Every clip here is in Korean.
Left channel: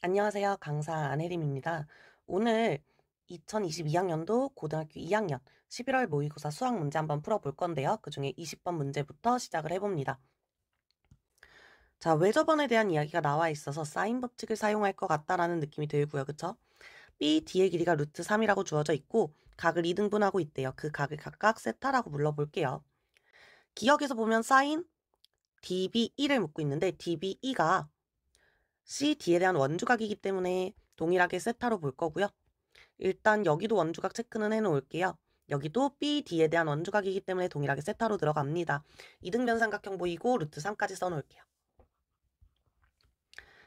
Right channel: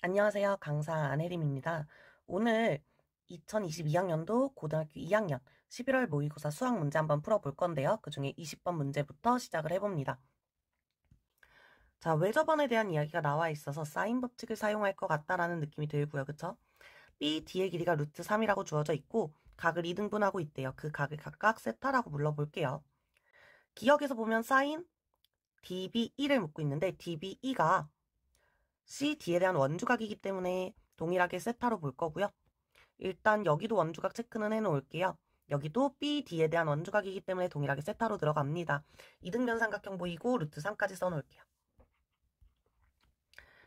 안녕하세요. 강사 안혜림입니다. 오늘 2022학년도 고등학교 2학년 11월 모의고사 수학 문제 한번 풀어볼 건데요. 그중에 20번 문제부터 시작을 해봅니다. 자, 외접원에 대한 이야기가 나와 있어서 사인 법칙을 사용할 것 같다라는 느낌이 들고요. 그쵸? B, D의 길이가 루트 3이라고 주어져 있고 각을 2등분하고 있대요. 그 각을 각각 세타라고 불러볼게요. 기억에서 보면 사인 DBE를 묻고 있는데 DBE가 CD에 대한 원주각이기 때문에 동일하게 세타로 볼 거고요. 일단 여기도 원주각 체크는 해놓을게요. 여기도 BD에 대한 원주각이기 때문에 동일하게 세타로 들어갑니다. 이등변 삼각형 보이고 루트 3까지 써놓을게요.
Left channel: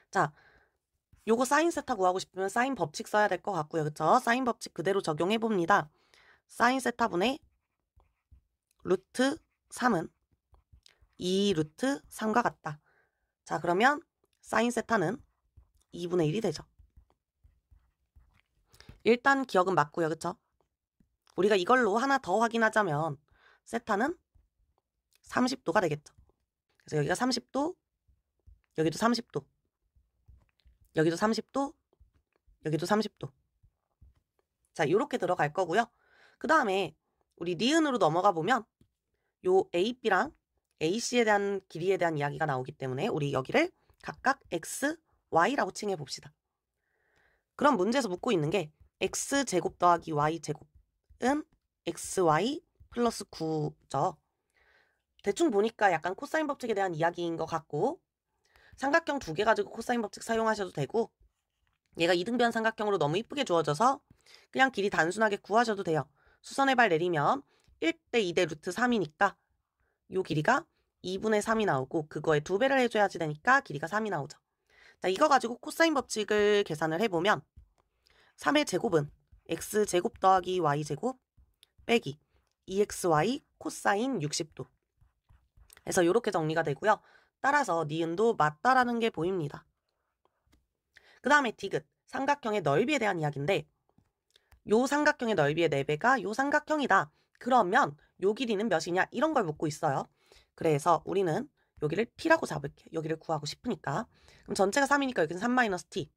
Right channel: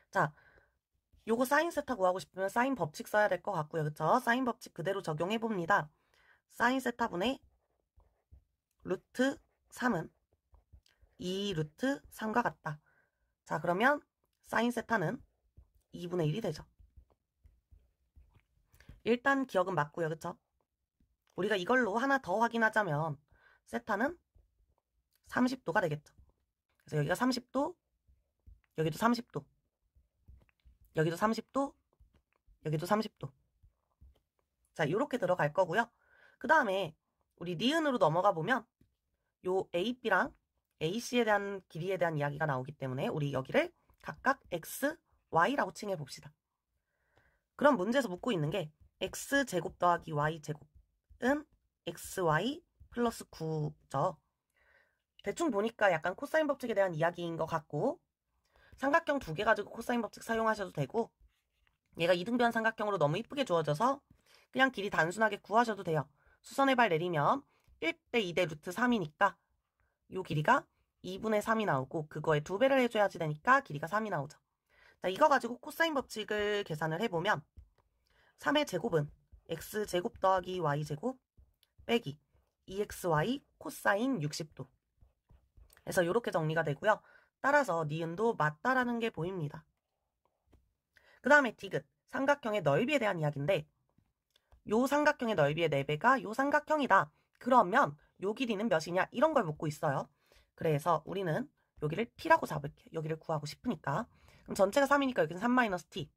자, 요거 사인 세타 구하고 싶으면 사인 법칙 써야 될 것 같고요. 그쵸? 사인 법칙 그대로 적용해봅니다. 사인 세타분의 루트 3은 2 루트 3과 같다. 자, 그러면 사인 세타는 2분의 1이 되죠. 일단 기억은 맞고요. 그쵸? 우리가 이걸로 하나 더 확인하자면 세타는 30도가 되겠죠. 그래서 여기가 30도, 여기도 30도, 여기도 30도, 여기도 30도. 자, 요렇게 들어갈 거고요. 그 다음에 우리 니은으로 넘어가 보면 요 AB랑 AC에 대한 길이에 대한 이야기가 나오기 때문에 우리 여기를 각각 X, Y라고 칭해 봅시다. 그럼 문제에서 묻고 있는 게 X제곱 더하기 Y제곱은 XY 플러스 9죠. 대충 보니까 약간 코사인 법칙에 대한 이야기인 것 같고 삼각형 두 개 가지고 코사인 법칙 사용하셔도 되고 얘가 이등변 삼각형으로 너무 이쁘게 주어져서 그냥 길이 단순하게 구하셔도 돼요. 수선의 발 내리면 1대 2대 루트 3이니까 요 길이가 2분의 3이 나오고 그거에 2배를 해줘야지 되니까 길이가 3이 나오죠. 자, 이거 가지고 코사인 법칙을 계산을 해보면 3의 제곱은 x제곱 더하기 y제곱 빼기 2xy 코사인 60도 해서 이렇게 정리가 되고요. 따라서 니은도 맞다라는 게 보입니다. 그 다음에 디귿, 삼각형의 넓이에 대한 이야기인데 요 삼각형의 넓이의 4배가 요 삼각형이다. 그러면 요 길이는 몇이냐? 이런 걸 묻고 있어요. 그래서 우리는 여기를 t라고 잡을게요. 여기를 구하고 싶으니까. 그럼 전체가 3이니까 여기는 3-t.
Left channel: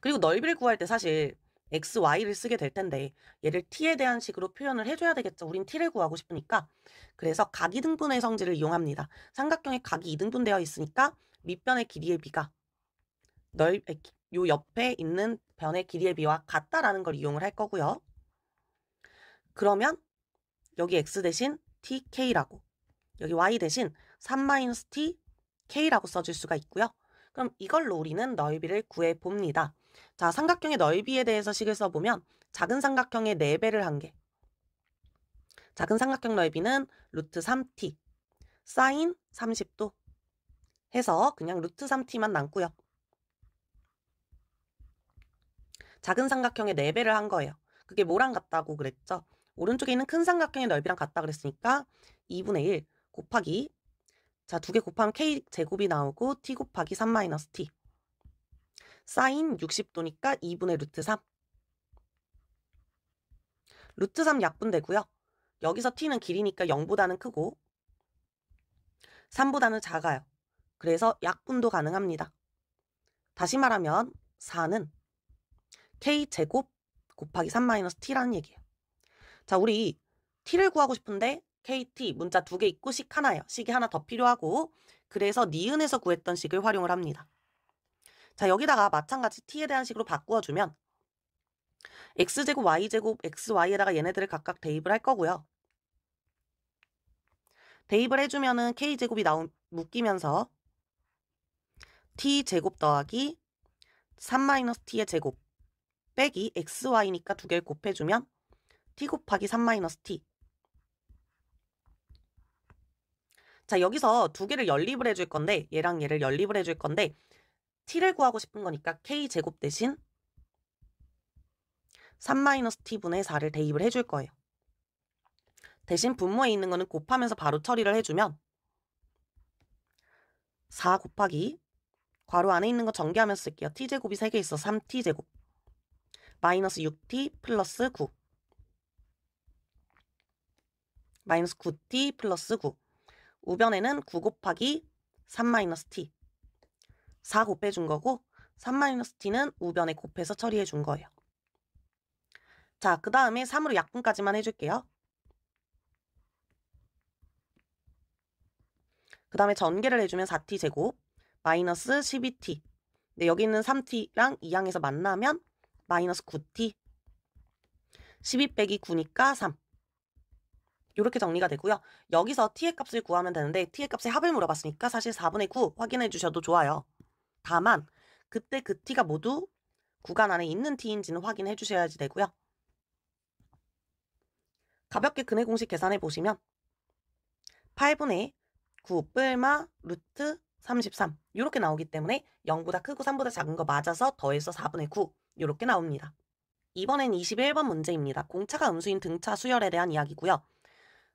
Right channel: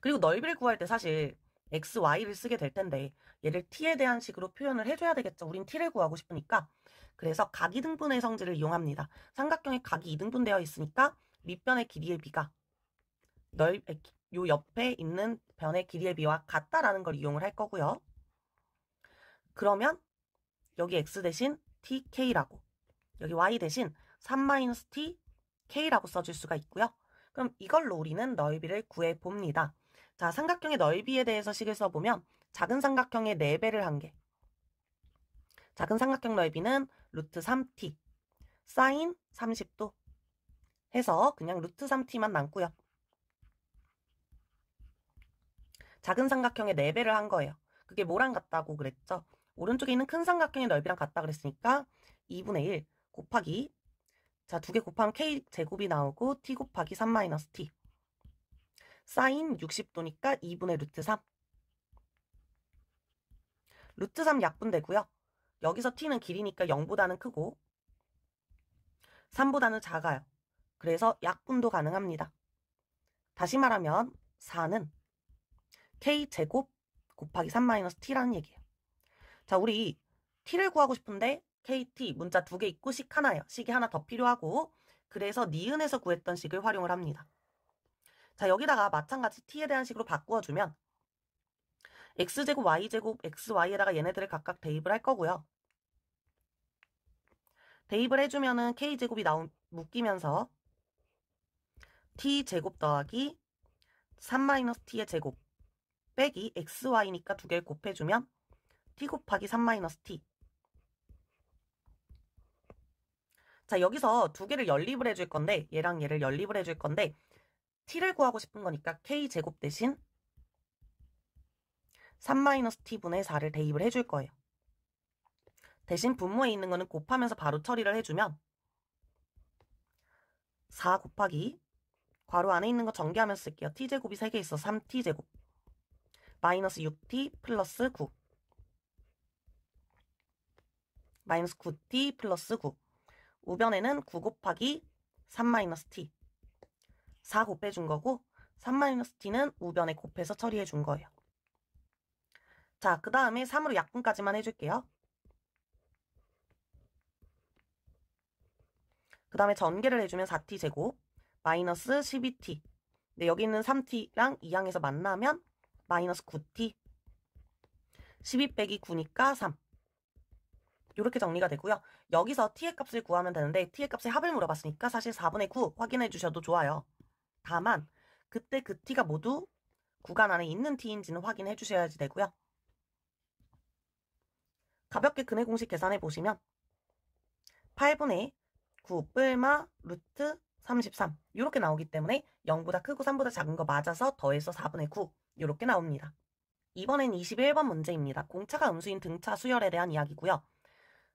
그리고 넓이를 구할 때 사실 x, y를 쓰게 될 텐데 얘를 t에 대한 식으로 표현을 해줘야 되겠죠. 우린 t를 구하고 싶으니까. 그래서 각이등분의 성질을 이용합니다. 삼각형의 각이 이등분되어 있으니까 밑변의 길이의 비가 요 옆에 있는 변의 길이의 비와 같다라는 걸 이용을 할 거고요. 그러면 여기 x 대신 tk라고 여기 y 대신 3-t k라고 써줄 수가 있고요. 그럼 이걸로 우리는 넓이를 구해봅니다. 자, 삼각형의 넓이에 대해서 식을 써보면 작은 삼각형의 4배를 한 게 작은 삼각형 넓이는 루트 3t 사인 30도 해서 그냥 루트 3t만 남고요. 작은 삼각형의 4배를 한 거예요. 그게 뭐랑 같다고 그랬죠? 오른쪽에 있는 큰 삼각형의 넓이랑 같다 그랬으니까 2분의 1 곱하기 자, 2개 곱하면 k제곱이 나오고 t 곱하기 3-t 사인 60도니까 2분의 루트 3 루트 3 약분되고요. 여기서 t는 길이니까 0보다는 크고 3보다는 작아요. 그래서 약분도 가능합니다. 다시 말하면 4는 k제곱 곱하기 3-t라는 얘기예요. 자, 우리 t를 구하고 싶은데 kt 문자 2개 있고 식 하나예요. 식이 하나 더 필요하고 그래서 니은에서 구했던 식을 활용을 합니다. 자, 여기다가 마찬가지 t에 대한 식으로 바꾸어주면 x제곱 y제곱 xy에다가 얘네들을 각각 대입을 할 거고요. 대입을 해주면은 k제곱이 묶이면서 t제곱 더하기 3-t의 제곱 빼기 xy니까 2개를 곱해주면 t 곱하기 3-t 자, 여기서 2개를 연립을 해줄 건데 얘랑 얘를 연립을 해줄 건데 t를 구하고 싶은 거니까 k제곱 대신 3-t분의 4를 대입을 해줄 거예요. 대신 분모에 있는 거는 곱하면서 바로 처리를 해주면 4 곱하기 괄호 안에 있는 거 전개하면서 쓸게요. t제곱이 3개 있어 3t제곱 마이너스 6t 플러스 9 마이너스 9t 플러스 9 우변에는 9 곱하기 3-t 4 곱해준 거고 3-t는 우변에 곱해서 처리해 준 거예요. 자, 그 다음에 3으로 약분까지만 해줄게요. 그 다음에 전개를 해주면 4t 제곱 마이너스 12t. 근데 여기 있는 3t랑 이 항에서 만나면 마이너스 9t. 12 빼기 9니까 3. 이렇게 정리가 되고요. 여기서 t의 값을 구하면 되는데 t의 값의 합을 물어봤으니까 사실 4분의 9 확인해 주셔도 좋아요. 다만 그때 그 t가 모두 구간 안에 있는 t인지는 확인해 주셔야지 되고요. 가볍게 근해 공식 계산해 보시면 8분의 9 뿔마 루트 33 이렇게 나오기 때문에 0보다 크고 3보다 작은 거 맞아서 더해서 4분의 9 이렇게 나옵니다. 이번엔 21번 문제입니다. 공차가 음수인 등차 수열에 대한 이야기고요.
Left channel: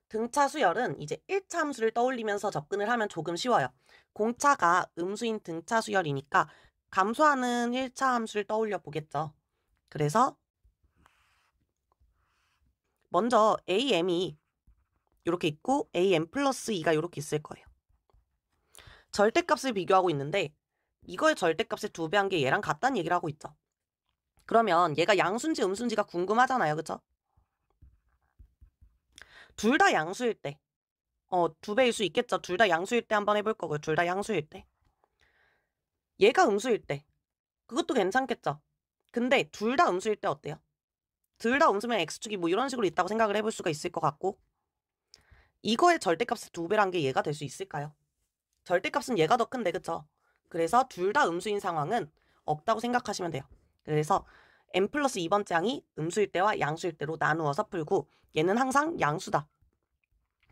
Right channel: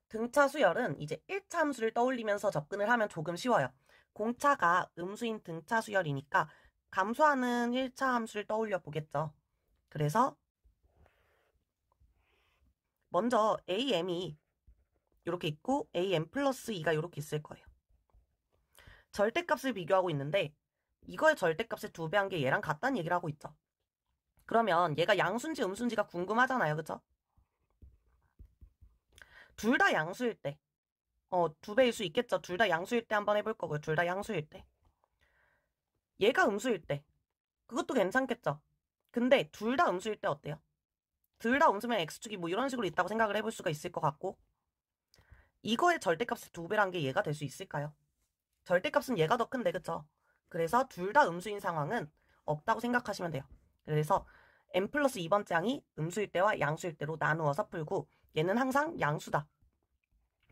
등차 수열은 이제 1차 함수를 떠올리면서 접근을 하면 조금 쉬워요. 공차가 음수인 등차 수열이니까 감소하는 1차 함수를 떠올려 보겠죠. 그래서 먼저 am이 이렇게 있고 am 플러스 2가 이렇게 있을 거예요. 절대값을 비교하고 있는데 이거의 절대값의 2배 한 게 얘랑 같다는 얘기를 하고 있죠. 그러면 얘가 양수인지 음수인지가 궁금하잖아요. 그쵸? 둘 다 양수일 때 2배일 수 있겠죠. 둘 다 양수일 때 한번 해볼 거고요. 둘 다 양수일 때. 얘가 음수일 때. 그것도 괜찮겠죠. 근데 둘 다 음수일 때 어때요? 둘 다 음수면 x축이 뭐 이런 식으로 있다고 생각을 해볼 수가 있을 것 같고 이거의 절대값의 2배란 게 얘가 될 수 있을까요? 절대값은 얘가 더 큰데 그쵸? 그래서 둘 다 음수인 상황은 없다고 생각하시면 돼요. 그래서 n 플러스 2번째 항이 음수일 때와 양수일 때로 나누어서 풀고 얘는 항상 양수다.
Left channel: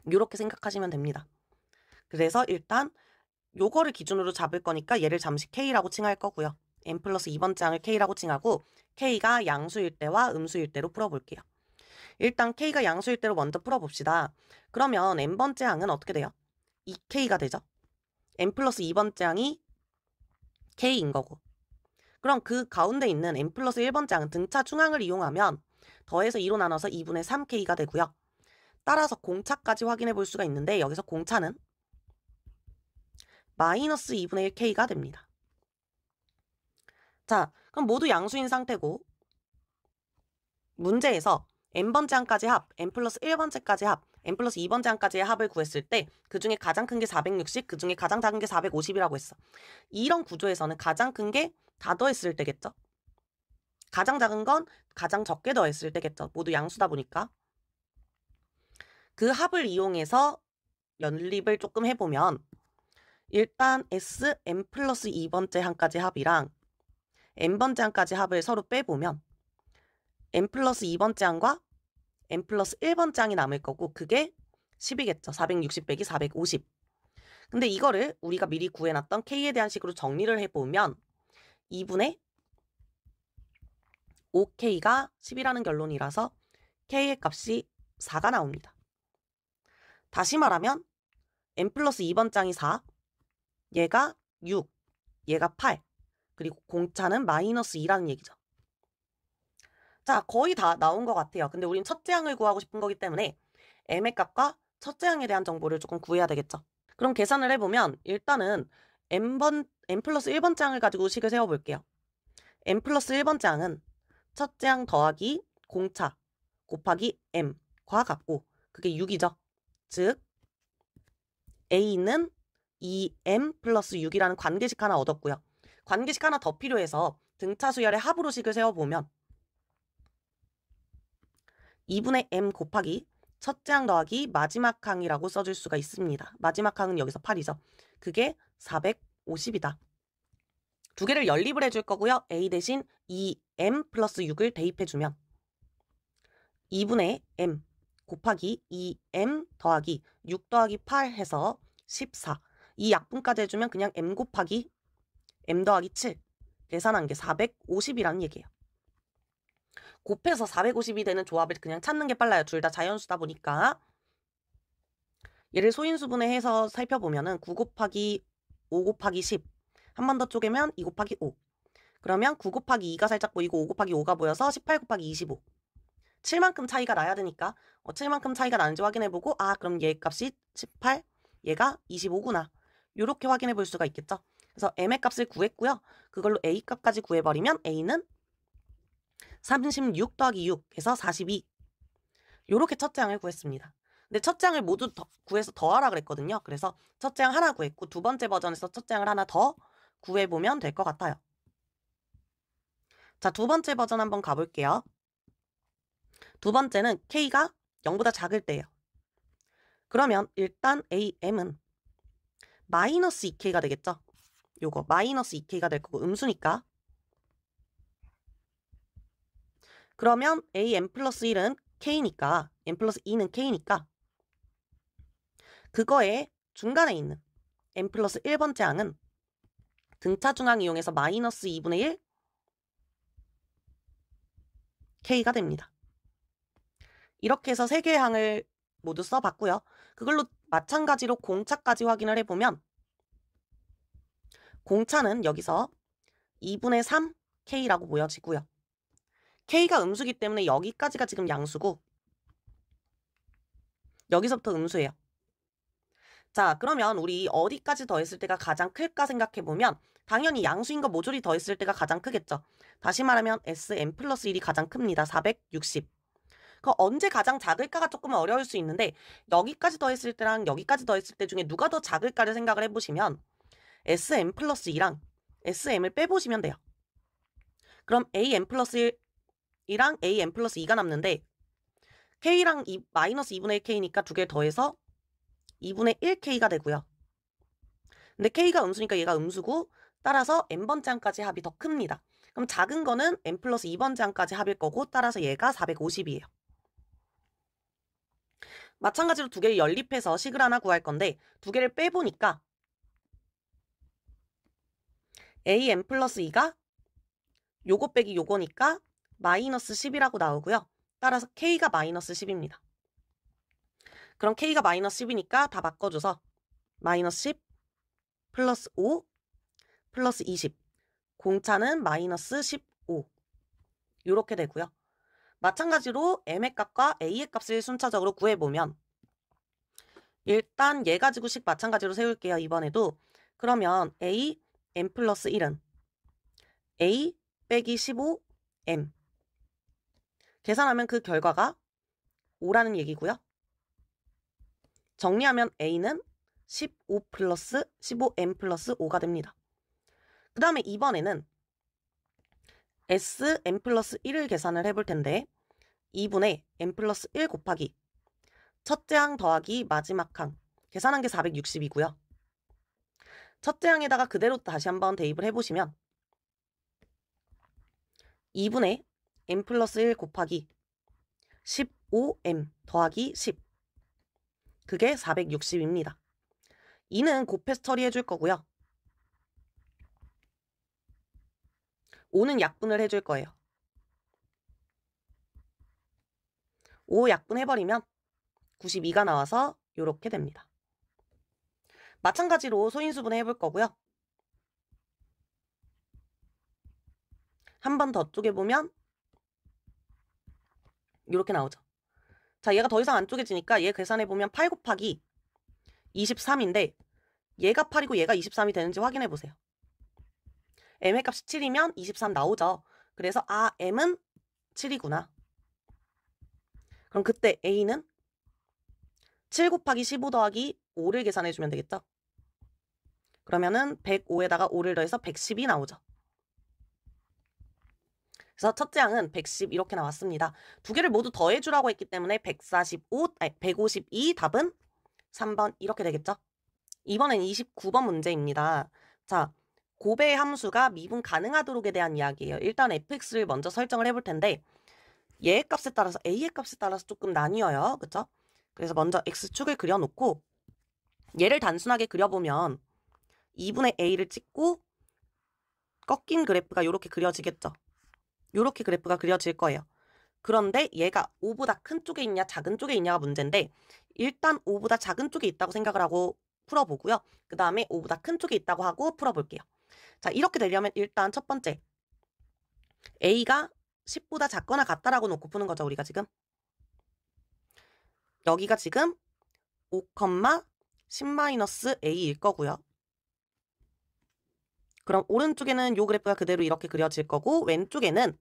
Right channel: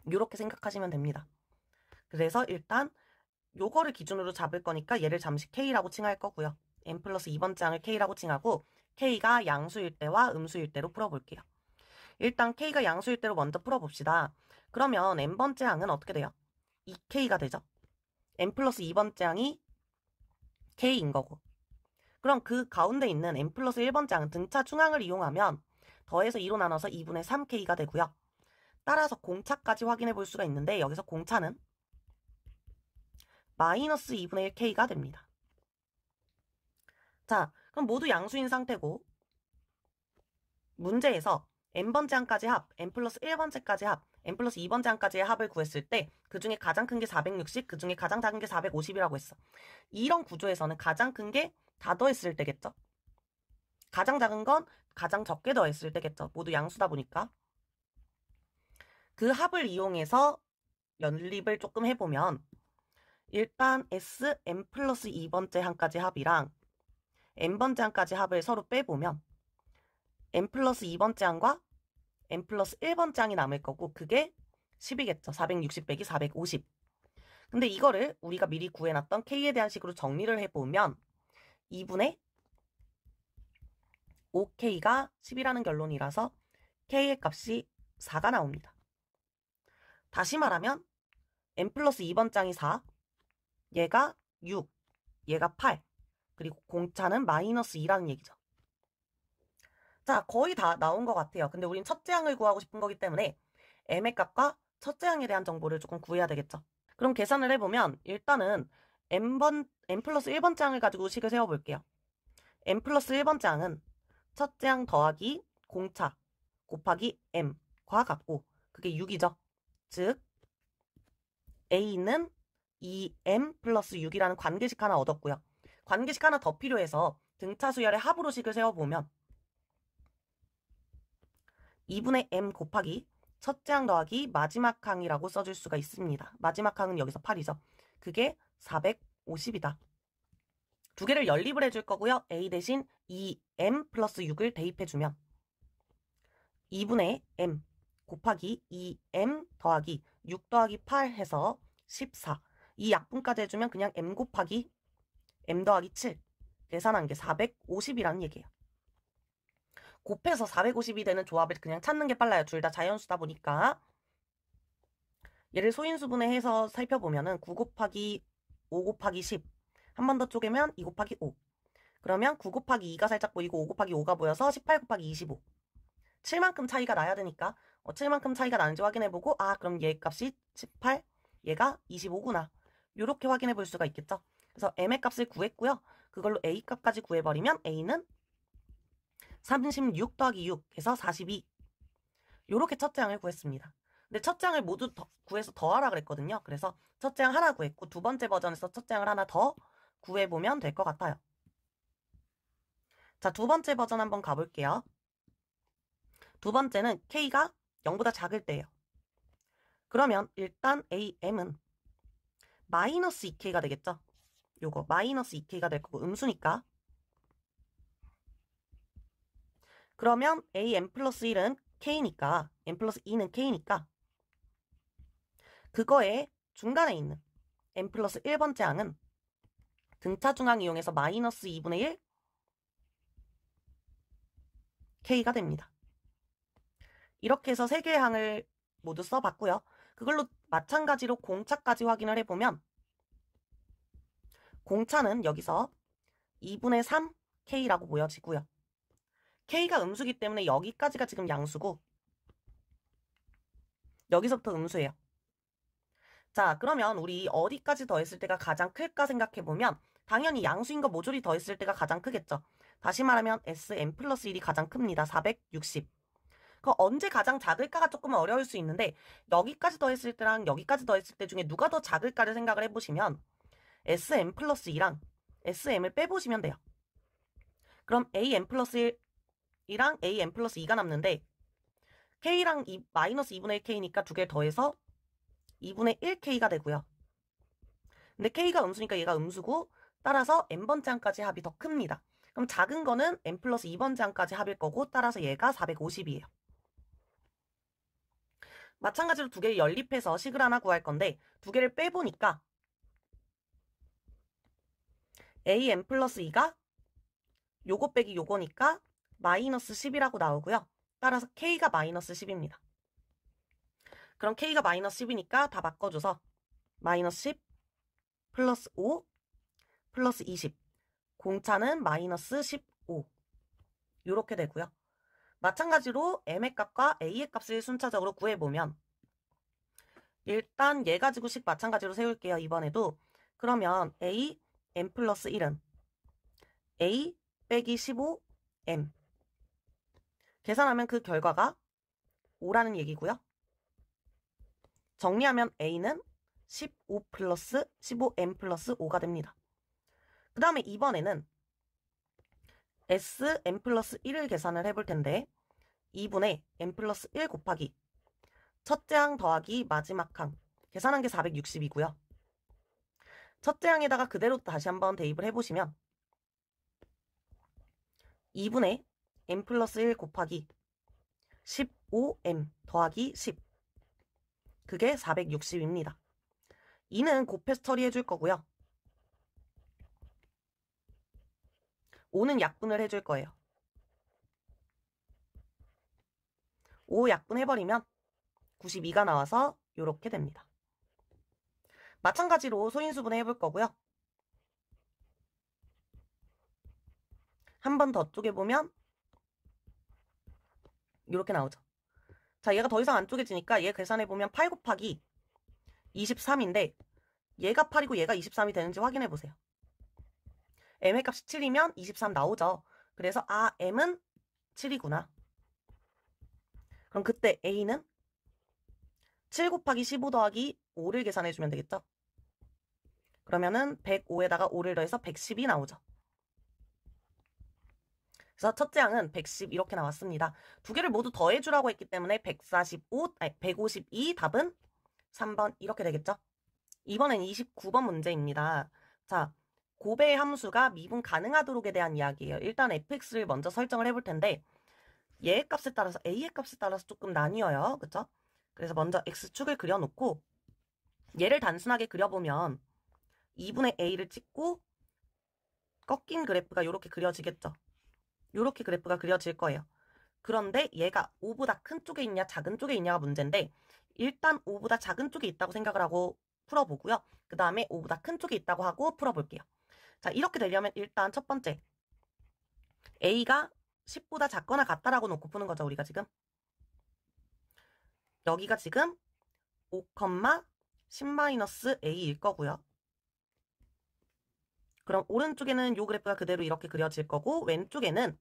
이렇게 생각하시면 됩니다. 그래서 일단 요거를 기준으로 잡을 거니까 얘를 잠시 K라고 칭할 거고요. n 플러스 2번째 항을 K라고 칭하고 K가 양수일 때와 음수일 때로 풀어볼게요. 일단 K가 양수일 때로 먼저 풀어봅시다. 그러면 n번째 항은 어떻게 돼요? 2K가 되죠. n 플러스 2번째 항이 K인 거고 그럼 그 가운데 있는 n 플러스 1번째 항은 등차 중항을 이용하면 더해서 2로 나눠서 2분의 3K가 되고요. 따라서 공차까지 확인해 볼 수가 있는데 여기서 공차는 마이너스 2분의 1K가 됩니다. 자, 그럼 모두 양수인 상태고 문제에서 n번째 항까지 합, n 플러스 1번째까지 합, n 플러스 2번째 항까지의 합을 구했을 때 그 중에 가장 큰 게 460, 그 중에 가장 작은 게 450이라고 했어. 이런 구조에서는 가장 큰 게 다 더했을 때겠죠? 가장 작은 건 가장 적게 더했을 때겠죠? 모두 양수다 보니까. 그 합을 이용해서 연립을 조금 해보면 일단 S, n 플러스 2번째 항까지 합이랑 n번째 항까지 합을 서로 빼보면 n 플러스 2번째 항과 n 플러스 1번째 항이 남을 거고 그게 10이겠죠. 460 빼기 450. 근데 이거를 우리가 미리 구해놨던 K에 대한 식으로 정리를 해보면 2분의 5K가 10이라는 결론이라서 K의 값이 4가 나옵니다. 다시 말하면 n 플러스 2번째 항이 4, 얘가 6, 얘가 8, 그리고 공차는 마이너스 2라는 얘기죠. 자, 거의 다 나온 것 같아요. 근데 우린 첫째 항을 구하고 싶은 거기 때문에 m의 값과 첫째 항에 대한 정보를 조금 구해야 되겠죠. 그럼 계산을 해보면 일단은 n 플러스 1번째 항을 가지고 식을 세워볼게요. n 플러스 1번째 항은 첫째 항 더하기 공차 곱하기 m과 같고 그게 6이죠. 즉 a는 2m 플러스 6이라는 관계식 하나 얻었고요. 관계식 하나 더 필요해서 등차 수열의 합으로 식을 세워보면 2분의 m 곱하기 첫째 항 더하기 마지막 항이라고 써줄 수가 있습니다. 마지막 항은 여기서 8이죠. 그게 450이다. 두 개를 연립을 해줄 거고요. a 대신 2m 플러스 6을 대입해주면 2분의 m 곱하기 2m 더하기 6 더하기 8 해서 14. 이 약분까지 해주면 그냥 m 곱하기 m 더하기 7 계산한 게 450이라는 얘기예요. 곱해서 450이 되는 조합을 그냥 찾는 게 빨라요. 둘 다 자연수다 보니까. 얘를 소인수분해 해서 살펴보면은 9 곱하기 5 곱하기 10. 한 번 더 쪼개면 2 곱하기 5. 그러면 9 곱하기 2가 살짝 보이고 5 곱하기 5가 보여서 18 곱하기 25. 7만큼 차이가 나야 되니까 7만큼 차이가 나는지 확인해보고 그럼 얘 값이 18, 얘가 25구나. 이렇게 확인해 볼 수가 있겠죠. 그래서 m의 값을 구했고요. 그걸로 a 값까지 구해버리면 a는 36 더하기 6에서 42. 요렇게 첫째 항을 구했습니다. 근데 첫째 항을 모두 구해서 더하라 그랬거든요. 그래서 첫째 항 하나 구했고 두 번째 버전에서 첫째 항을 하나 더 구해보면 될 것 같아요. 자, 두 번째 버전 한번 가볼게요. 두 번째는 k가 0보다 작을 때예요. 그러면 일단 am은 마이너스 2k가 되겠죠? 요거 마이너스 2k가 될 거고 음수니까. 그러면 am 플러스 1은 k니까 m 플러스 2는 k니까 그거에 중간에 있는 m 플러스 1번째 항은 등차 중항 이용해서 마이너스 2분의 1 k가 됩니다. 이렇게 해서 세 개의 항을 모두 써봤고요. 그걸로 마찬가지로 공차까지 확인을 해보면 공차는 여기서 2분의 3 k라고 보여지고요. k가 음수기 때문에 여기까지가 지금 양수고 여기서부터 음수예요. 자, 그러면 우리 어디까지 더했을 때가 가장 클까 생각해보면 당연히 양수인 거 모조리 더했을 때가 가장 크겠죠. 다시 말하면 Sm 플러스 1이 가장 큽니다. 460. 그 언제 가장 작을까가 조금 어려울 수 있는데 여기까지 더했을 때랑 여기까지 더했을 때 중에 누가 더 작을까를 생각을 해보시면 Sm 플러스 2랑 Sm을 빼보시면 돼요. 그럼 Am 플러스 1이랑 Am 플러스 2가 남는데 K랑 마이너스 2분의 1K니까 두 개 더해서 2분의 1K가 되고요. 근데 K가 음수니까 얘가 음수고 따라서 n번째 항까지 합이 더 큽니다. 그럼 작은 거는 n 플러스 2번째 항까지 합일 거고 따라서 얘가 450이에요. 마찬가지로 두 개를 연립해서 식을 하나 구할 건데 두 개를 빼보니까 am 플러스 2가 요거 빼기 요거니까 마이너스 10이라고 나오고요. 따라서 k가 마이너스 10입니다. 그럼 k가 마이너스 10이니까 다 바꿔줘서 마이너스 10 플러스 5 플러스 20 공차는 마이너스 15 이렇게 되고요. 마찬가지로 m의 값과 a의 값을 순차적으로 구해보면 일단 얘 가지고 식 마찬가지로 세울게요. 이번에도 그러면 a m 플러스 1은 a 빼기 15 m 계산하면 그 결과가 5라는 얘기고요. 정리하면 a는 15 플러스 15m 플러스 5가 됩니다. 그 다음에 이번에는 Sm 플러스 1을 계산을 해볼 텐데 2분의 m 플러스 1 곱하기 첫째 항 더하기 마지막 항 계산한 게 460이고요. 첫째 항에다가 그대로 다시 한번 대입을 해보시면 2분의 m 플러스 1 곱하기 15m 더하기 10 그게 460입니다. 2는 곱해서 처리해줄 거고요. 5는 약분을 해줄 거예요. 5 약분해버리면 92가 나와서 이렇게 됩니다. 마찬가지로 소인수분해 해볼 거고요. 한 번 더 쪼개보면 이렇게 나오죠. 자, 얘가 더 이상 안 쪼개지니까 얘 계산해보면 8 곱하기 23인데 얘가 8이고 얘가 23이 되는지 확인해보세요. m의 값이 7이면 23 나오죠. 그래서 m은 7이구나. 그럼 그때 a는 7 곱하기 15 더하기 5를 계산해주면 되겠죠. 그러면은 105에다가 5를 더해서 110이 나오죠. 그래서 첫째 항은 110 이렇게 나왔습니다. 두 개를 모두 더해주라고 했기 때문에 152 답은 3번 이렇게 되겠죠. 이번엔 29번 문제입니다. 자, 곱의 함수가 미분 가능하도록에 대한 이야기예요. 일단 fx를 먼저 설정을 해볼 텐데 얘의 값에 따라서 a의 값에 따라서 조금 나뉘어요. 그쵸? 그래서 먼저 x축을 그려놓고 얘를 단순하게 그려보면 2분의 a를 찍고 꺾인 그래프가 이렇게 그려지겠죠. 이렇게 그래프가 그려질 거예요. 그런데 얘가 5보다 큰 쪽에 있냐 작은 쪽에 있냐가 문제인데 일단 5보다 작은 쪽에 있다고 생각을 하고 풀어보고요. 그 다음에 5보다 큰 쪽에 있다고 하고 풀어볼게요. 자, 이렇게 되려면 일단 첫 번째 a가 10보다 작거나 같다라고 놓고 푸는 거죠. 우리가 지금 여기가 지금 5, 10-a일 거고요. 그럼 오른쪽에는 요 그래프가 그대로 이렇게 그려질 거고 왼쪽에는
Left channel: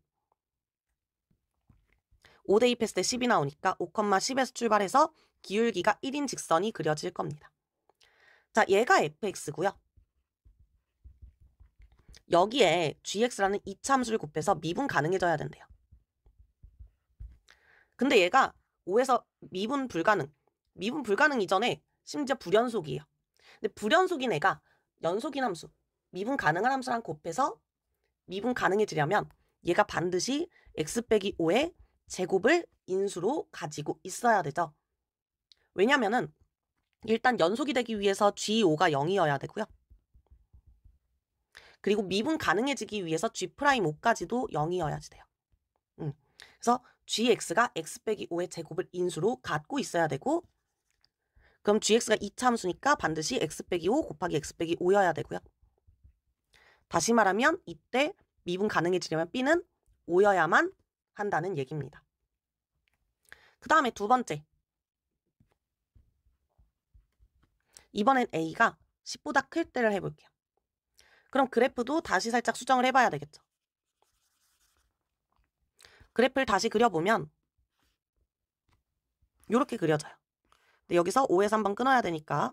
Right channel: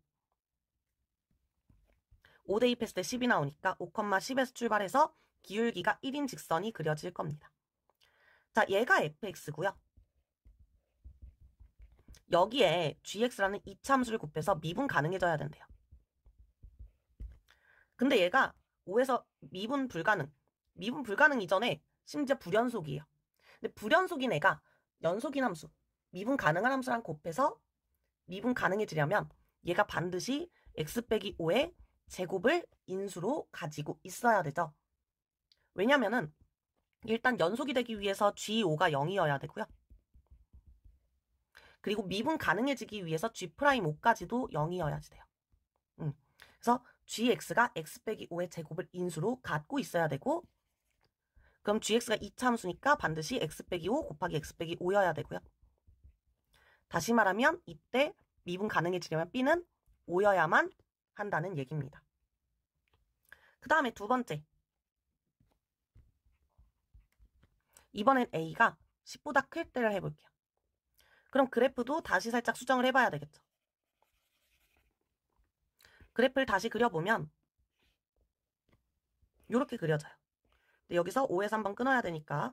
5 대입했을 때 10이 나오니까 5,10에서 출발해서 기울기가 1인 직선이 그려질 겁니다. 자, 얘가 fx고요. 여기에 gx라는 이차함수를 곱해서 미분 가능해져야 된대요. 근데 얘가 5에서 미분 불가능 이전에 심지어 불연속이에요. 근데 불연속인 애가 연속인 함수, 미분 가능한 함수랑 곱해서 미분 가능해지려면 얘가 반드시 x 빼기 5의 제곱을 인수로 가지고 있어야 되죠. 왜냐면은 일단 연속이 되기 위해서 G5가 0이어야 되고요. 그리고 미분 가능해지기 위해서 G'5까지도 0이어야지 돼요. 그래서 gx가 x 빼기 5의 제곱을 인수로 갖고 있어야 되고 그럼 gx가 2차 함수니까 반드시 x 빼기 5 곱하기 x 빼기 5여야 되고요. 다시 말하면 이때 미분 가능해지려면 b는 5여야만 한다는 얘기입니다. 그 다음에 두 번째. 이번엔 a가 10보다 클 때를 해볼게요. 그럼 그래프도 다시 살짝 수정을 해봐야 되겠죠. 그래프를 다시 그려보면 이렇게 그려져요. 근데 여기서 5에서 한번 끊어야 되니까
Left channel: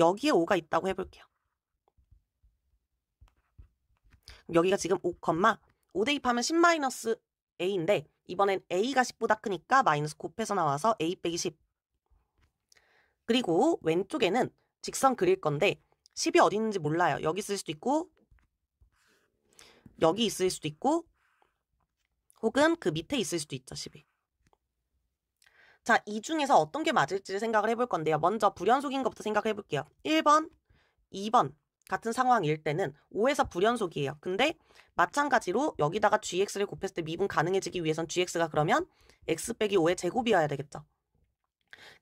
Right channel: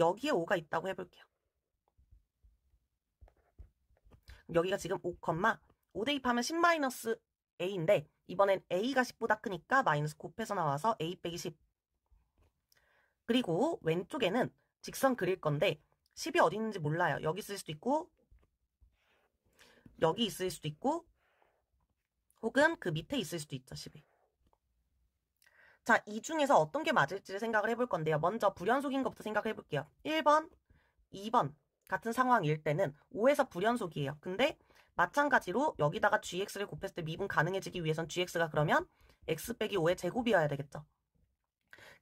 여기에 5가 있다고 해볼게요. 여기가 지금 5 대입하면 10-a인데 이번엔 a가 10보다 크니까 마이너스 곱해서 나와서 a 빼기 10. 그리고 왼쪽에는 직선 그릴 건데 10이 어디 있는지 몰라요. 여기 있을 수도 있고 여기 있을 수도 있고 혹은 그 밑에 있을 수도 있죠. 10이. 자, 이 중에서 어떤 게 맞을지를 생각을 해볼 건데요. 먼저 불연속인 것부터 생각해 볼게요. 1번, 2번 같은 상황일 때는 5에서 불연속이에요. 근데 마찬가지로 여기다가 gx를 곱했을 때 미분 가능해지기 위해선 gx가 그러면 x 빼기 5의 제곱이어야 되겠죠.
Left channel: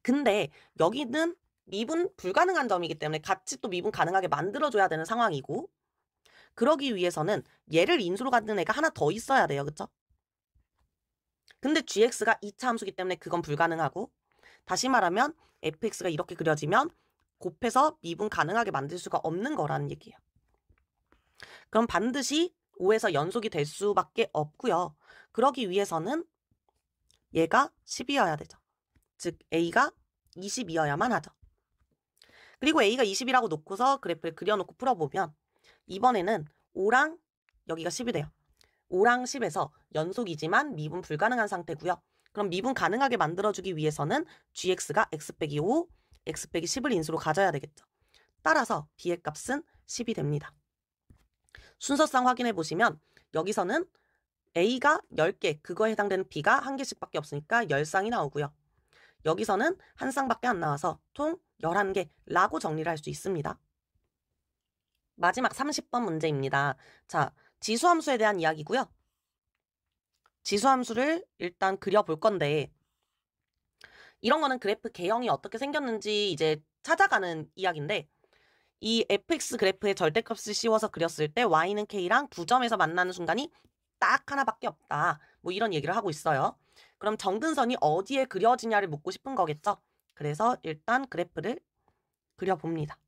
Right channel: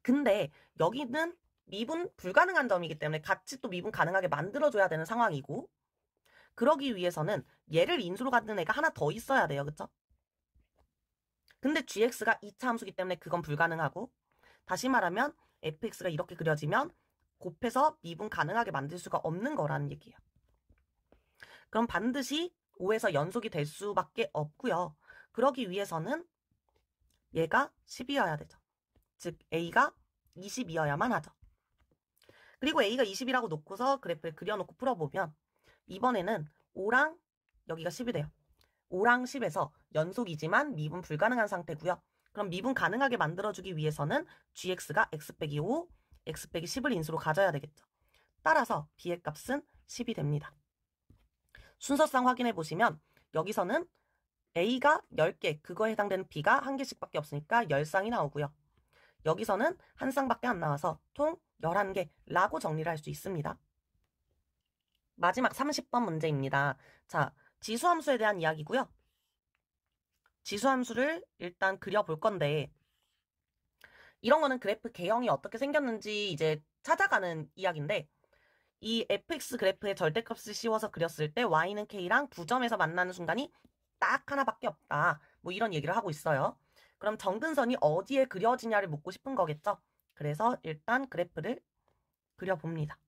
근데 여기는 미분 불가능한 점이기 때문에 같이 또 미분 가능하게 만들어줘야 되는 상황이고 그러기 위해서는 얘를 인수로 갖는 애가 하나 더 있어야 돼요. 그쵸? 근데 gx가 2차 함수기 때문에 그건 불가능하고 다시 말하면 fx가 이렇게 그려지면 곱해서 미분 가능하게 만들 수가 없는 거라는 얘기예요. 그럼 반드시 5에서 연속이 될 수밖에 없고요. 그러기 위해서는 얘가 10이어야 되죠. 즉 a가 20이어야만 하죠. 그리고 a가 20이라고 놓고서 그래프를 그려놓고 풀어보면 이번에는 5랑 여기가 10이 돼요. 5랑 10에서 연속이지만 미분 불가능한 상태고요. 그럼 미분 가능하게 만들어주기 위해서는 gx가 x 빼기 5, x 빼기 10을 인수로 가져야 되겠죠. 따라서 b의 값은 10이 됩니다. 순서상 확인해 보시면 여기서는 a가 10개, 그거에 해당되는 b가 1개씩밖에 없으니까 10쌍이 나오고요. 여기서는 한 쌍밖에 안 나와서 총 11개라고 정리를 할 수 있습니다. 마지막 30번 문제입니다. 자, 지수함수에 대한 이야기고요. 지수함수를 일단 그려볼 건데 이런 거는 그래프 개형이 어떻게 생겼는지 이제 찾아가는 이야기인데 이 fx 그래프의 절대값을 씌워서 그렸을 때 y는 k랑 두 점에서 만나는 순간이 딱 하나밖에 없다. 뭐 이런 얘기를 하고 있어요. 그럼 정근선이 어디에 그려지냐를 묻고 싶은 거겠죠. 그래서 일단 그래프를 그려봅니다.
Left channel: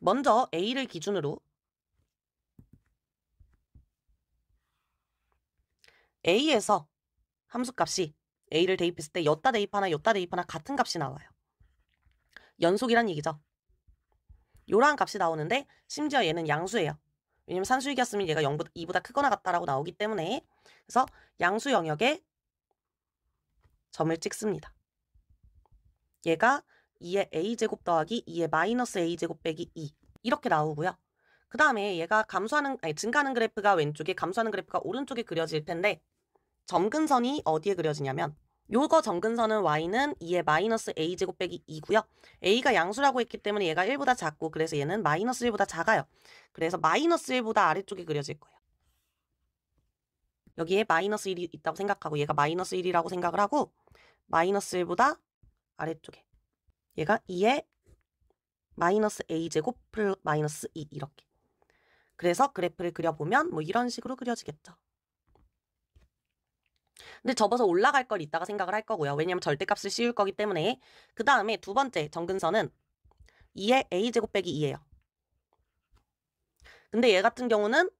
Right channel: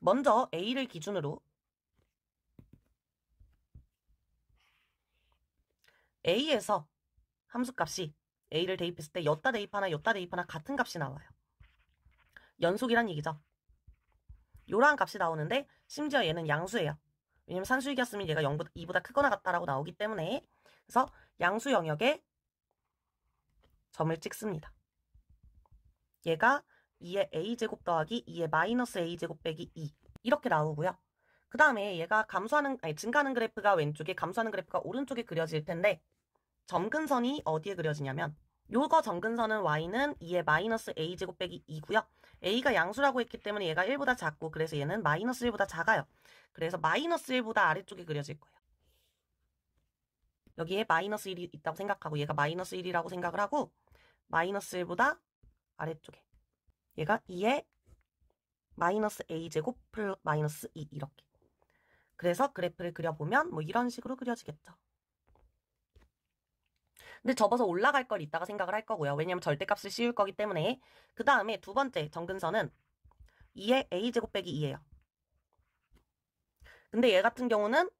먼저 a를 기준으로 a에서 함수값이 a를 대입했을 때 여따 대입 하나 같은 값이 나와요. 연속이란 얘기죠. 요런 값이 나오는데 심지어 얘는 양수예요. 왜냐면 산수익이었으면 얘가 2보다 크거나 같다라고 나오기 때문에 그래서 양수 영역에 점을 찍습니다. 얘가 2의 a제곱 더하기 2의 마이너스 a제곱 빼기 2 이렇게 나오고요. 그 다음에 얘가 증가하는 그래프가 왼쪽에 감소하는 그래프가 오른쪽에 그려질 텐데 점근선이 어디에 그려지냐면 요거 점근선은 y는 2의 마이너스 a제곱 빼기 2고요. a가 양수라고 했기 때문에 얘가 1보다 작고 그래서 얘는 마이너스 1보다 작아요. 그래서 마이너스 1보다 아래쪽에 그려질 거예요. 여기에 마이너스 1이 있다고 생각하고 얘가 마이너스 1이라고 생각을 하고 마이너스 1보다 아래쪽에 얘가 2의 마이너스 a제곱 플러스 마이너스 2 이렇게. 그래서 그래프를 그려보면 뭐 이런 식으로 그려지겠죠. 근데 접어서 올라갈 걸 이따가 생각을 할 거고요. 왜냐면 절대값을 씌울 거기 때문에. 그 다음에 두 번째 정근선은 2의 a제곱 빼기 2예요. 근데 얘 같은 경우는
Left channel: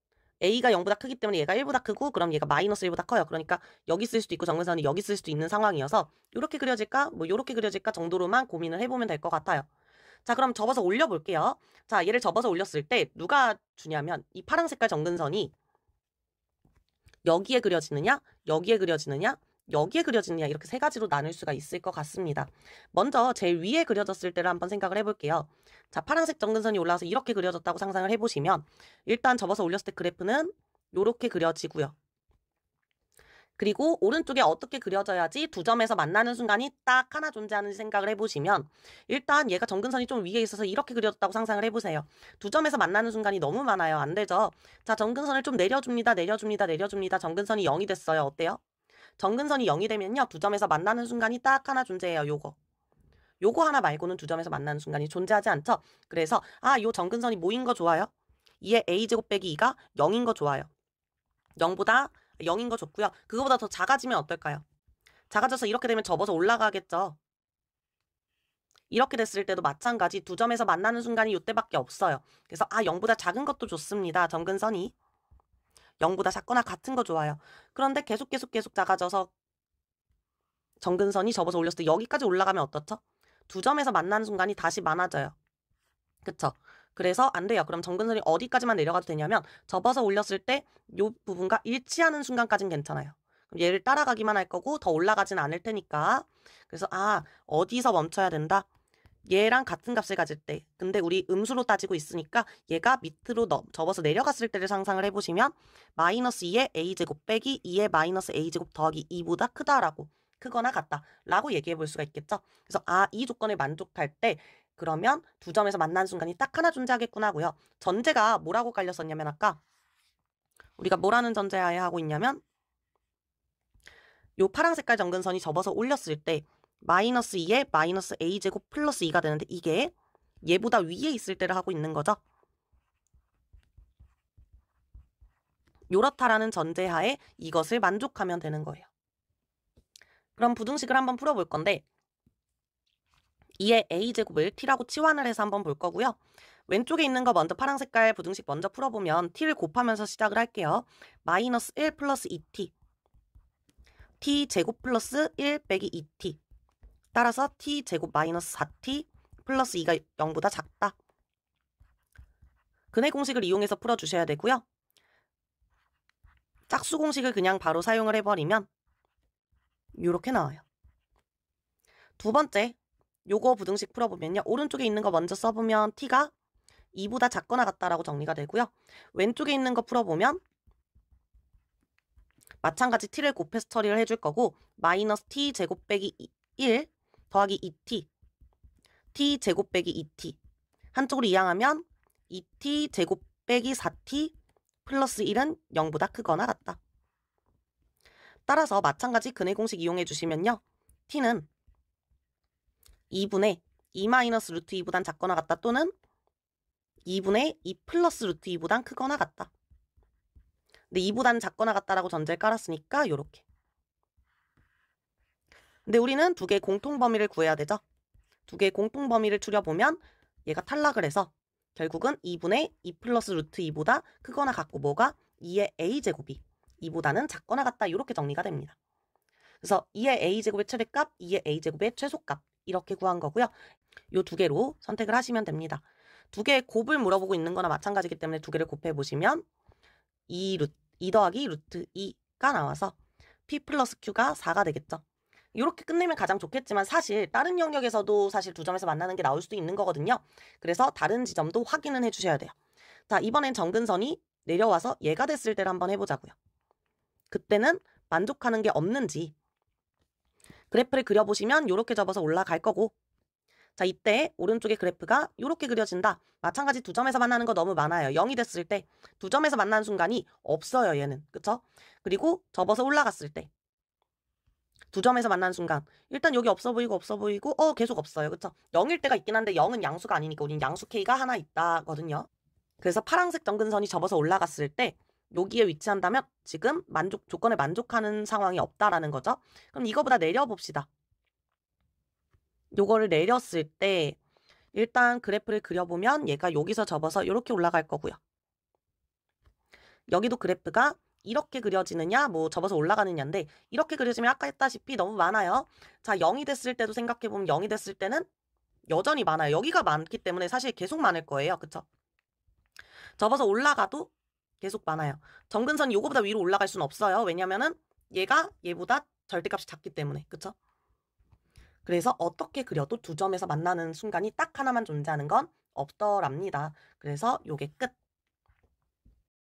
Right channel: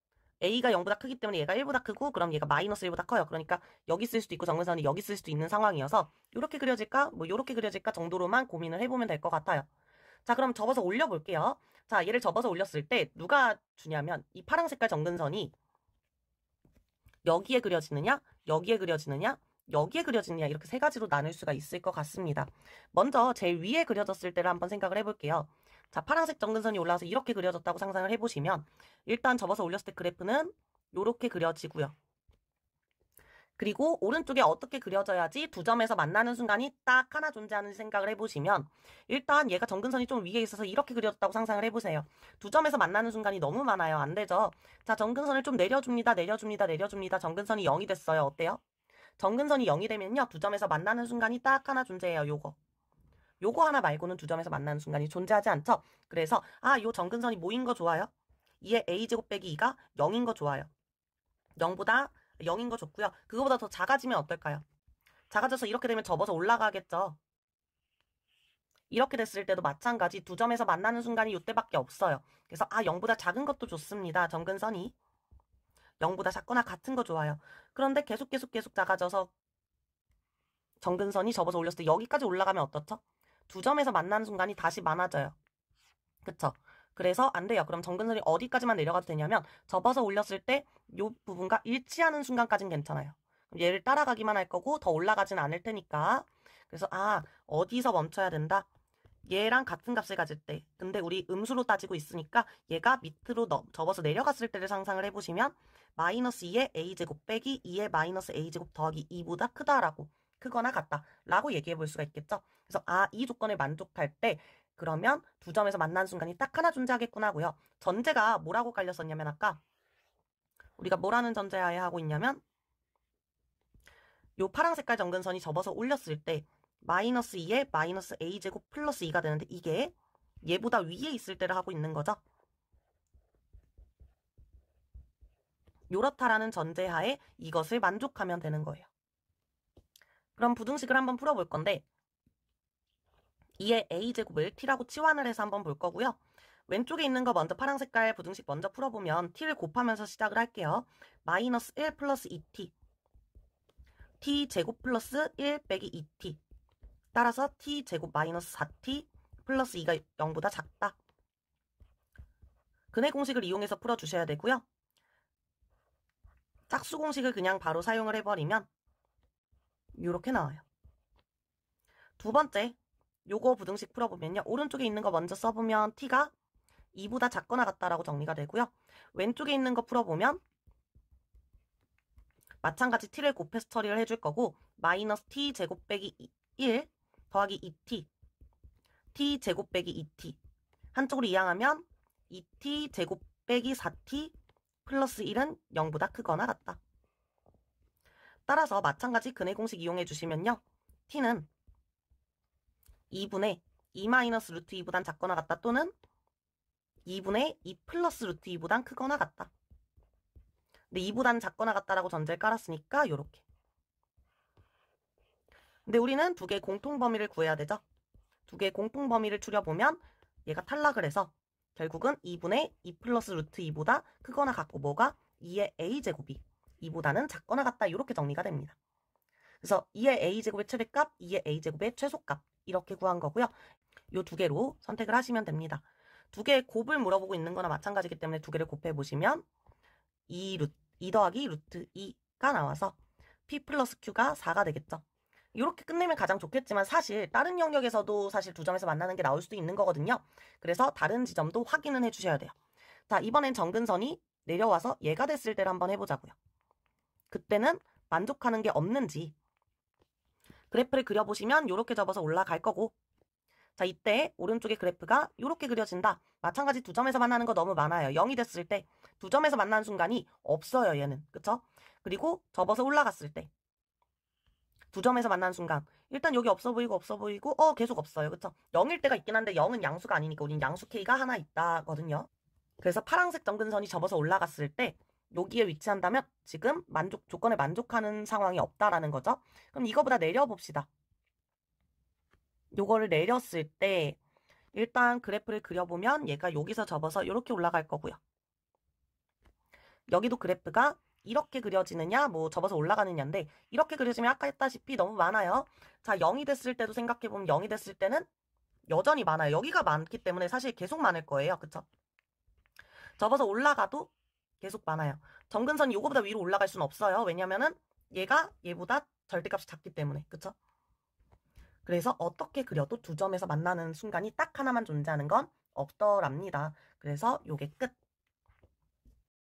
a가 0보다 크기 때문에 얘가 1보다 크고 그럼 얘가 마이너스 1보다 커요. 그러니까 여기 쓸 수도 있고 정근선이 여기 쓸 수도 있는 상황이어서 이렇게 그려질까 뭐 이렇게 그려질까 정도로만 고민을 해보면 될 것 같아요. 자, 그럼 접어서 올려볼게요. 자, 얘를 접어서 올렸을 때 누가 주냐면 이 파란 색깔 정근선이 여기에 그려지느냐, 여기에 그려지느냐, 여기에 그려지느냐 이렇게 세 가지로 나눌 수가 있을 것 같습니다. 먼저 제일 위에 그려졌을 때를 한번 생각을 해볼게요. 자, 파란색 정근선이 올라와서 이렇게 그려졌다고 상상을 해보시면 일단 접어서 올렸을 때 그래프는 이렇게 그려지고요. 그리고 오른쪽에 어떻게 그려져야지 두 점에서 만나는 순간이 딱 하나 존재하는지 생각을 해보시면 일단 얘가 정근선이 좀 위에 있어서 이렇게 그려졌다고 상상을 해보세요. 두 점에서 만나는 순간이 너무 많아요. 안 되죠? 자, 정근선을 좀 내려줍니다. 내려줍니다. 내려줍니다. 정근선이 0이 됐어요. 어때요? 정근선이 0이 되면요. 두 점에서 만나는 순간이 딱 하나 존재해요. 요거 하나 말고는 두 점에서 만나는 순간이 존재하지 않죠? 그래서 요 정근선이 뭐인 거 좋아요? 2의 a제곱 빼기 2가 0인 거 좋아요. 0보다 0인 거 좋고요. 그거보다 더 작아지면 어떨까요? 작아져서 이렇게 되면 접어서 올라가겠죠. 이렇게 됐을 때도 마찬가지 두 점에서 만나는 순간이 이때밖에 없어요. 그래서 0보다 작은 것도 좋습니다. 정근선이. 0보다 작거나 같은 거 좋아요. 그런데 계속 작아져서 정근선이 접어서 올렸을 때 여기까지 올라가면 어떻죠? 두 점에서 만나는 순간이 다시 많아져요. 그쵸? 그래서 안 돼요. 그럼 정근선이 어디까지만 내려가도 되냐면 접어서 올렸을 때 이 부분과 일치하는 순간까지는 괜찮아요. 그럼 얘를 따라가기만 할 거고 더 올라가진 않을 테니까. 그래서 어디서 멈춰야 된다? 얘랑 같은 값을 가질 때. 근데 우리 음수로 따지고 있으니까 얘가 밑으로 접어서 내려갔을 때를 상상을 해보시면 마이너스 2의 a제곱 빼기 2의 마이너스 a제곱 더하기 2보다 크다라고. 크거나 같다 라고 얘기해 볼 수가 있겠죠. 그래서 이 조건을 만족할 때 그러면 두 점에서 만나는 순간이 딱 하나 존재하겠구나 하고요. 전제가 뭐라고 깔렸었냐면 아까 우리가 뭐라는 전제하에 하고 있냐면 요 파란 색깔 정근선이 접어서 올렸을 때 마이너스 2에 마이너스 a제곱 플러스 2가 되는데 이게 얘보다 위에 있을 때를 하고 있는 거죠. 요렇다라는 전제하에 이것을 만족하면 되는 거예요. 그럼 부등식을 한번 풀어볼 건데 2의 a제곱을 t라고 치환을 해서 한번 볼 거고요. 왼쪽에 있는 거 먼저 파란 색깔 부등식 먼저 풀어보면 t를 곱하면서 시작을 할게요. 마이너스 1 플러스 2t t제곱 플러스 1 빼기 2t 따라서 t제곱 마이너스 4t 플러스 2가 0보다 작다. 근해 공식을 이용해서 풀어주셔야 되고요. 짝수 공식을 그냥 바로 사용을 해버리면 이렇게 나와요. 두 번째 요거 부등식 풀어보면요. 오른쪽에 있는 거 먼저 써보면 t가 2보다 작거나 같다라고 정리가 되고요. 왼쪽에 있는 거 풀어보면 마찬가지 t를 곱해서 처리를 해줄 거고 마이너스 t 제곱 빼기 1 더하기 2t t 제곱 빼기 2t 한쪽으로 이항하면 2t 제곱 빼기 4t 플러스 1은 0보다 크거나 같다. 따라서 마찬가지 근해 공식 이용해 주시면요. t는 2분의 2 마이너스 루트 2보단 작거나 같다 또는 2분의 2 플러스 루트 2보단 크거나 같다. 근데 2보단 작거나 같다라고 전제를 깔았으니까 요렇게. 근데 우리는 두 개의 공통범위를 구해야 되죠. 두 개의 공통범위를 추려보면 얘가 탈락을 해서 결국은 2분의 2 플러스 루트 2보다 크거나 같고 뭐가 2의 a제곱이 2보다는 작거나 같다 이렇게 정리가 됩니다. 그래서 2의 a제곱의 최대값, 2의 a제곱의 최소값 이렇게 구한 거고요. 이 두 개로 선택을 하시면 됩니다. 두 개의 곱을 물어보고 있는 거나 마찬가지이기 때문에 두 개를 곱해보시면 2 더하기 루트 2가 나와서 p 플러스 q가 4가 되겠죠. 이렇게 끝내면 가장 좋겠지만 사실 다른 영역에서도 사실 두 점에서 만나는 게 나올 수도 있는 거거든요. 그래서 다른 지점도 확인은 해주셔야 돼요. 자, 이번엔 정근선이 내려와서 얘가 됐을 때를 한번 해보자고요. 그때는 만족하는 게 없는지 그래프를 그려보시면 이렇게 접어서 올라갈 거고 자, 이때 오른쪽에 그래프가 이렇게 그려진다. 마찬가지 두 점에서 만나는 거 너무 많아요. 0이 됐을 때 두 점에서 만나는 순간이 없어요. 얘는. 그쵸? 그리고 접어서 올라갔을 때 두 점에서 만나는 순간 일단 여기 없어 보이고 계속 없어요. 그쵸? 0일 때가 있긴 한데 0은 양수가 아니니까 우린 양수 K가 하나 있다거든요. 그래서 파란색 정근선이 접어서 올라갔을 때 여기에 위치한다면 지금 조건에 만족하는 상황이 없다라는 거죠. 그럼 이거보다 내려봅시다. 요거를 내렸을 때 일단 그래프를 그려보면 얘가 여기서 접어서 이렇게 올라갈 거고요. 여기도 그래프가 이렇게 그려지느냐 뭐 접어서 올라가느냐인데 이렇게 그려지면 아까 했다시피 너무 많아요. 자, 0이 됐을 때도 생각해보면 0이 됐을 때는 여전히 많아요. 여기가 많기 때문에 사실 계속 많을 거예요. 그쵸? 접어서 올라가도 계속 많아요. 정근선이 요거보다 위로 올라갈 수는 없어요. 왜냐면은 얘가 얘보다 절대값이 작기 때문에. 그쵸? 그래서 어떻게 그려도 두 점에서 만나는 순간이 딱 하나만 존재하는 건 없더랍니다. 그래서 요게 끝.